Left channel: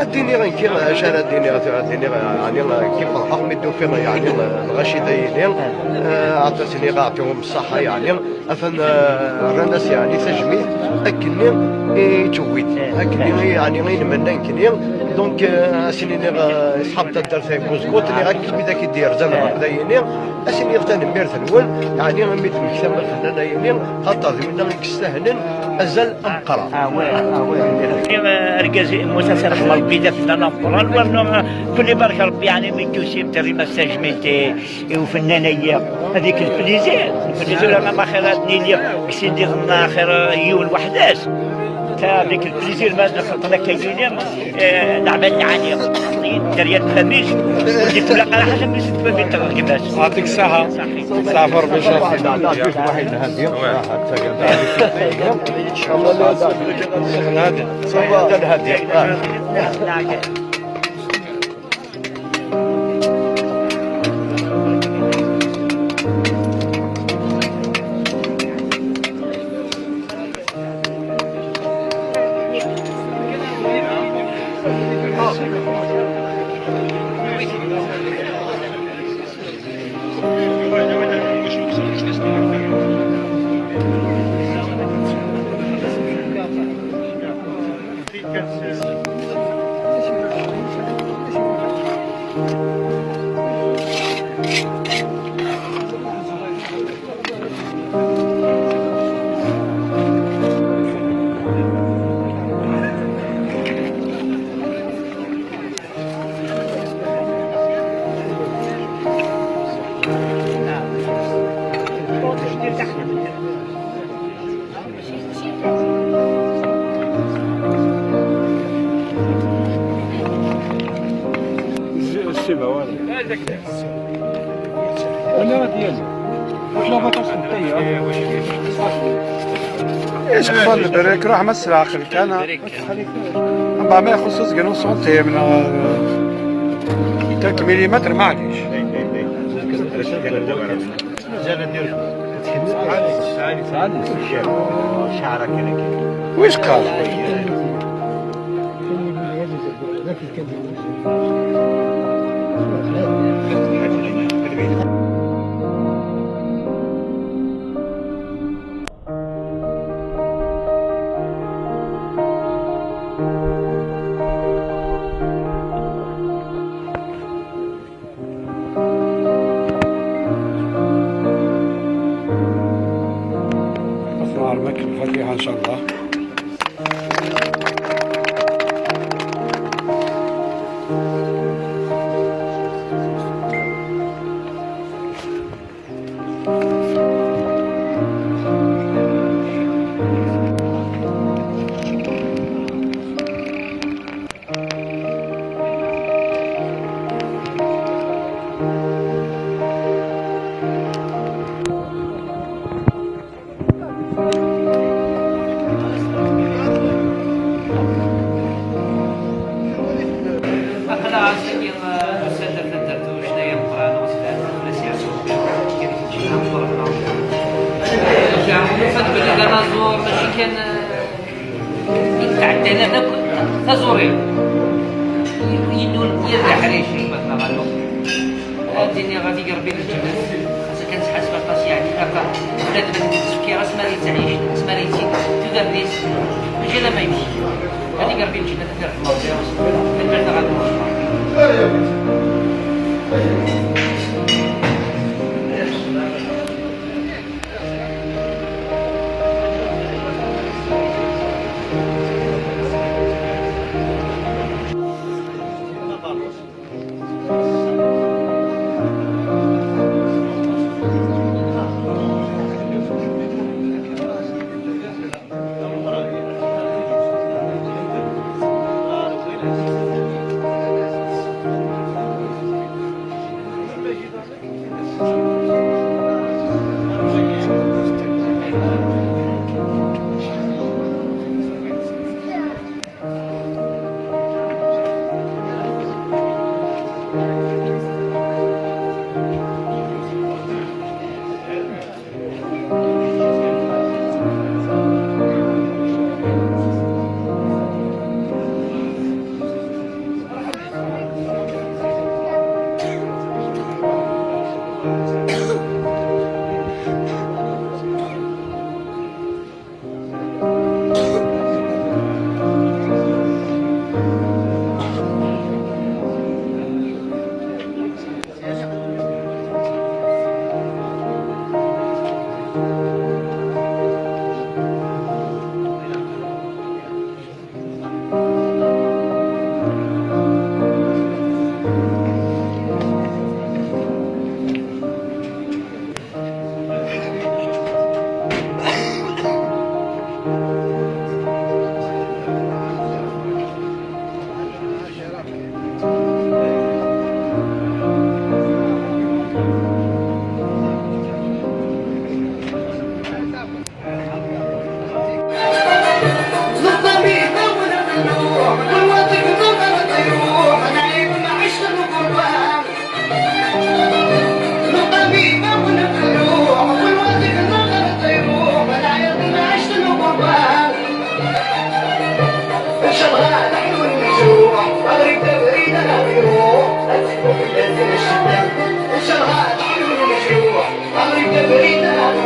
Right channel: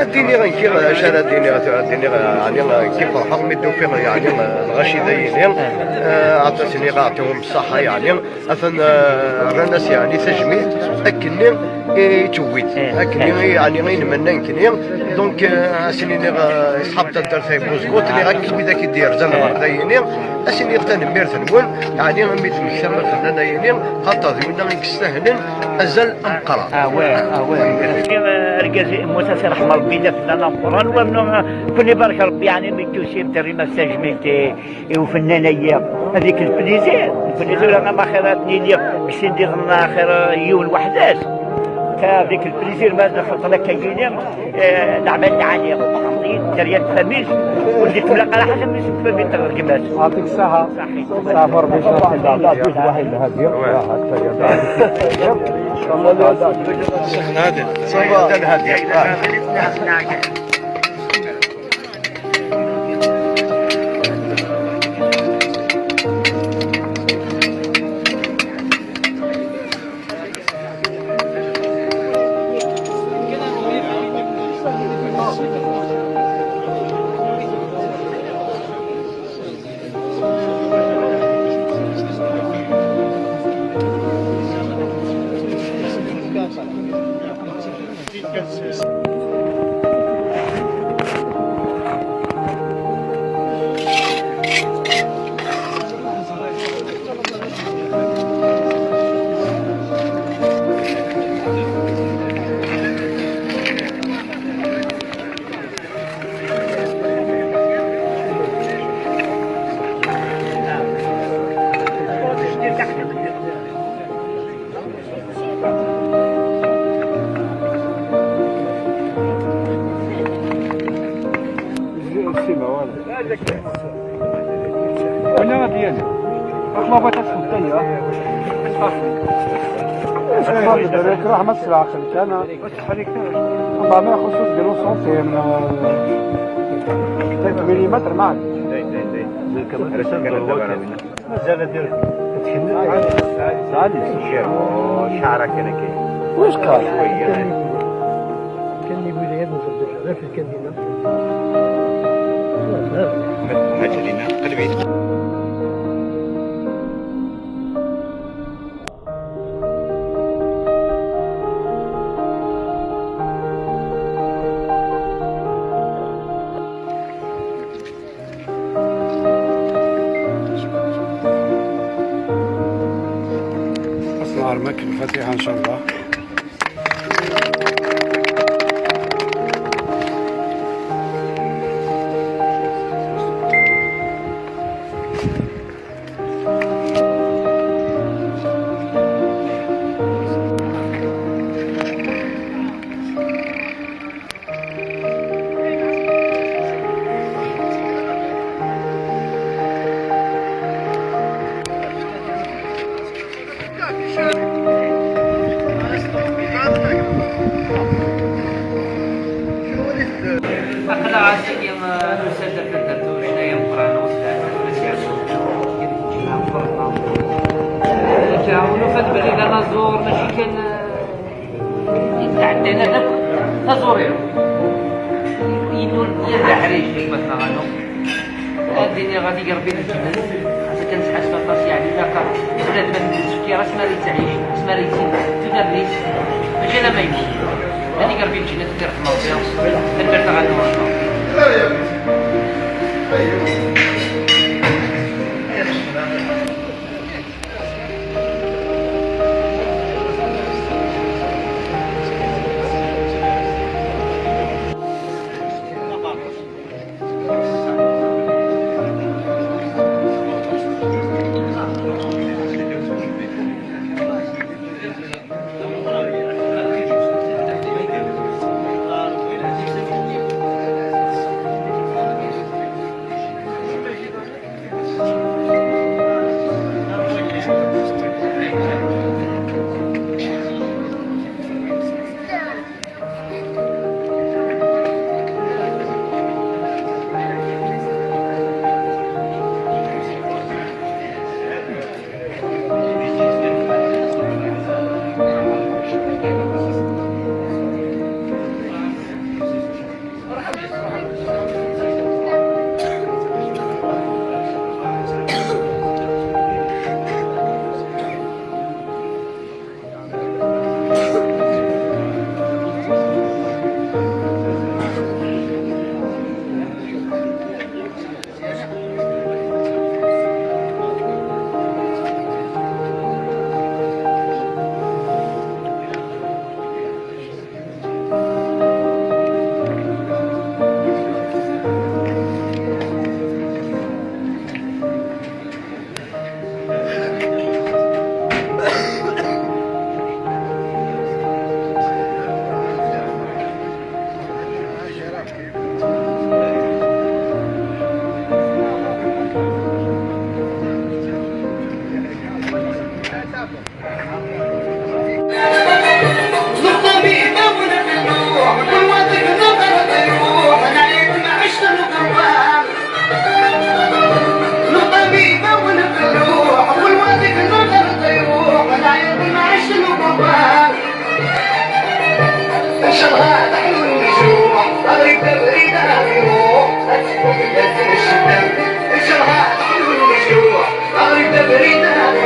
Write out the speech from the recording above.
الدنيا غير شارع الدنيا يعني كيف فرحوا مدوا فيه يعني الغشي داينين عطاتني غاعطيهم الصحة يعني أفن الناس يعني تجميل أكني تويت أكني يعني غير منا يمكن دونك أسني صحاب تدار في بوزكوت اللي غاكي بدا كيدير زعما داينين أسني غتان ميرت نقول يعني غنميت مكتمل فنان داينين خاطر منا يستاهلن أزل أمقرا رجال مسلسل احمر البيضاء في القران ولا كل بارك ربي يعني ميتوسي ترجمه التجميل وفنانيه هذيك البليزير انا ما خيراتني لي باش ندير خير يوم وحداش تا ديك البليزير ما دخلت لك كيدير نعمل عليه دريات فميش وديك لا قال حاجه مش تفهم الترجمات يعطيك الصحه سافر باش لا جوج واحد هذه هذه صباح انا ديالي واش لا باكاش نتايا ايش قال البريك راح مس العقل كان ما يخصص قالوا سونتي من 3 ملم معليش مازال ندير عادي شعرك انا كيف واش قال كان يقول لي هذا ذاك كان اسمع رمك الفاتحه ان شاء الله. كان تعدينا داك تزوري ينول ديال الحريشي مثلا غالو هاديني غادي يربي الجبل حتى كنتحس بقاش يعني هكا ولات بنت السكي اسماري تعيش اسماري تزيد تقدر ديس ماشي لا ما يموت هادي يربي الجبل تدير حمار فيها البرد غادي أغرب تبريد أغيره أتكون بلاد الشتاء إن شاء الله أغرب تبريد أغيره